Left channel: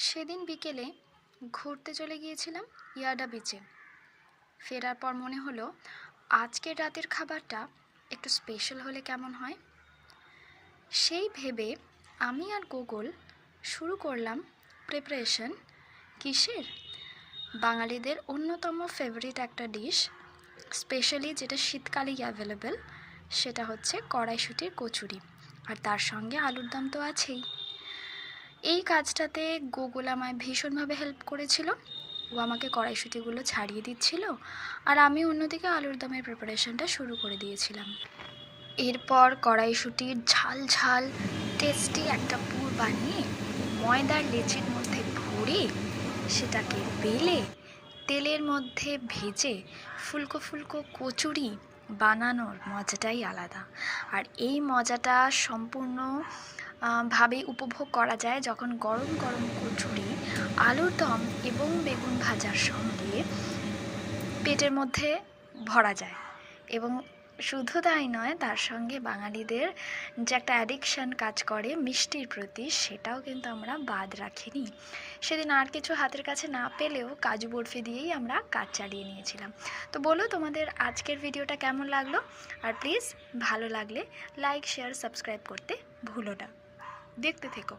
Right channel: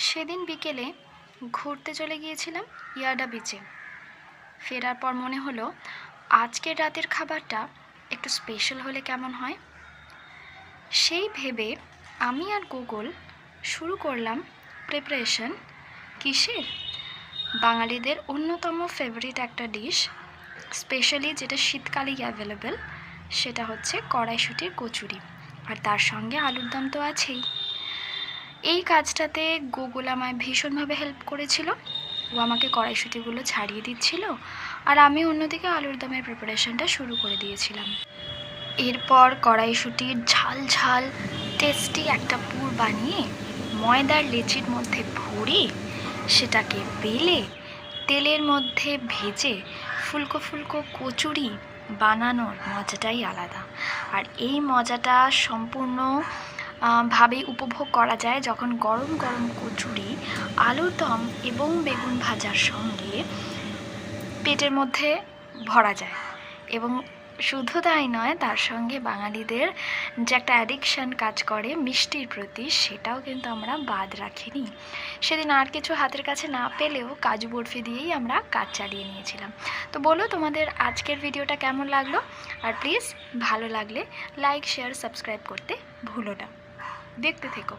সেদিন বিকেলে ঘুরতে চলে গিয়েছিলাম ইয়াডা বিচে। ফেরার পর মনে হলো আজকের রাতের খাবারটা একটু স্পেশাল হলে কেমন হয়। সেই ভেবে আমি আর গুগল শুরু করলাম প্রিপারেশন। কিসের? বাঙালিদের অন্যতম ফেভারিট একটা ডিশ, স্পেশালি যেটা শীতকালেই অ্যাভেলেবেল, সেটা হচ্ছে কড়াইশুঁটির কচুরি। আর তার সঙ্গে আলুর দম তো আছেই। এই কাজটাতে গুগল আমায় ভীষণভাবে হেল্প করেছিল। ও আমাকে কড়াইশুঁটিগুলো ছাড়িয়ে দিচ্ছিল, আর আমি অন্যদিকে আলুর দমের প্রিপারেশনটা শুরু করে দিয়েছিলাম। এরপর কড়াইশুঁটির ঝাল ঝাল টেস্টি একটা পুর বানিয়ে ময়দার লেচির মধ্যে ভরে সেটাকে বেলে তেলের মধ্যে ভেজে ফুলকো ফুলকো কচুরি বানানোর মজাটাই আলাদা। আর এই মজাটা সম্পূর্ণ ভাবেই উপভোগ করা যায় যখন গরম গরম কচুরি আলুর দম এবং বেগুন ভাজার সঙ্গে পেটের মধ্যে ভরা যায়। এবং শুধু তাই নয়, তার সঙ্গে বাঙালিদের যে একটা অ্যাডিকশান কাজ করে মিষ্টির প্রতি, সেটাও কিন্তু আমরা বাদ রাখিনি। সেদিন আর কিছু হাতের কাছে না পেলেও কাজু বরফি দিয়েই আমরা কাজ চালিয়ে নিয়েছিলাম। তো বলো তোমাদের আজকের ভিডিওটা কেমন লাগলো, আর প্লিজ ভালো লাগলে লাইক শেয়ার সাবস্ক্রাইব করতে ভুলো না। দেখতে থেকো।